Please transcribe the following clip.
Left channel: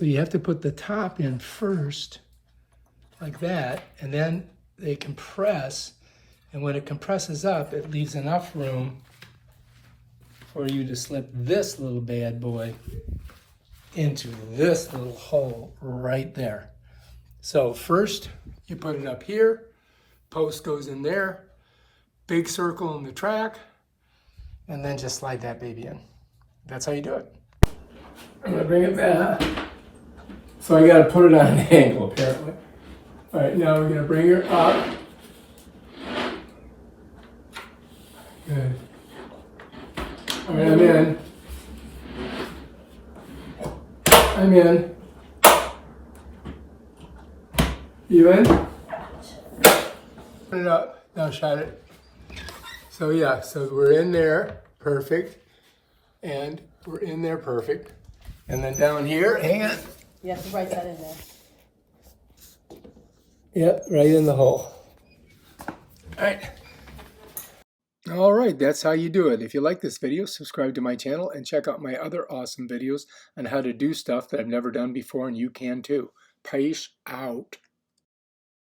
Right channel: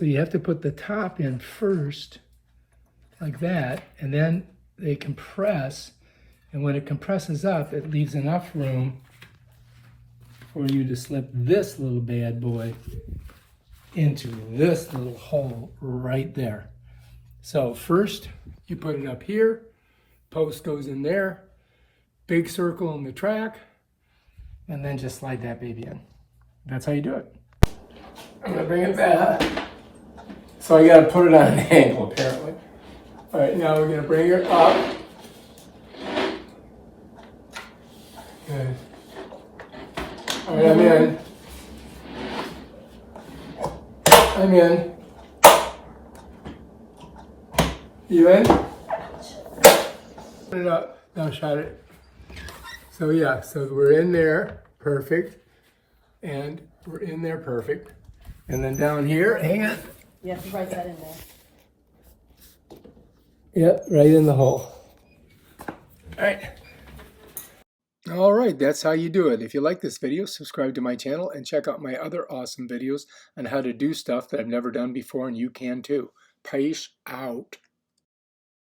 So you have to put the top in first, like that, and then they compress. And when it compresses up, it leaves enough room for you to slip this little bad boy into this little hole right there. So first, you put it up here, post goes in there, big circle in the track, and then just slide that baby in. That's how you do it. I'm gonna bring it back. So I gotta put it on an angle, apparently. All right, now we're gonna bring her up. Good. All right, I'm in. I'm in. You in? Put it up. Now shut it. So yeah, so we're in there, perfect. And we're in there, perfect. And then down here, hang on. You have to write that in there. Yep, right in the hole. All right. All right, that's how you do it. If you like this video, subscribe to my channel and check out my other awesome videos on how to do stuff that I've never done before, and you can too. Peace out.